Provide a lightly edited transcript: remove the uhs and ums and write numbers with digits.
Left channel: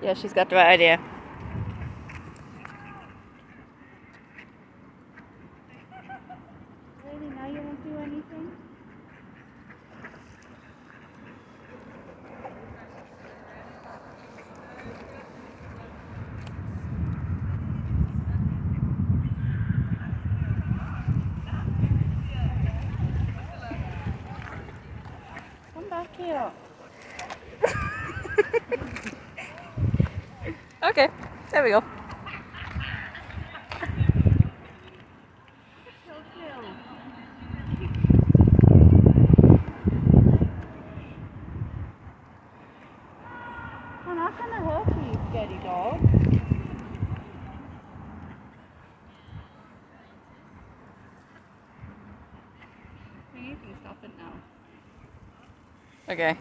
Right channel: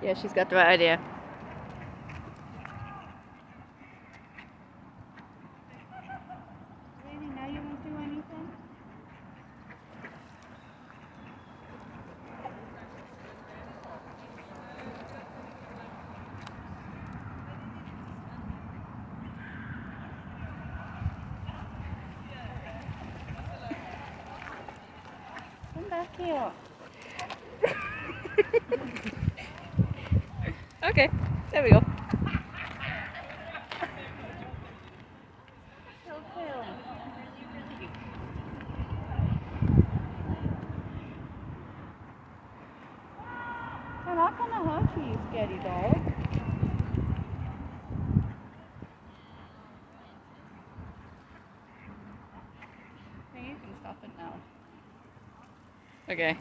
Yeah, she's got the right idea. Lady, now you won't do anything? Come back here. Okay, there we go. I'm not gonna hurt you, you scaredy dog. You can stop it now. Okay.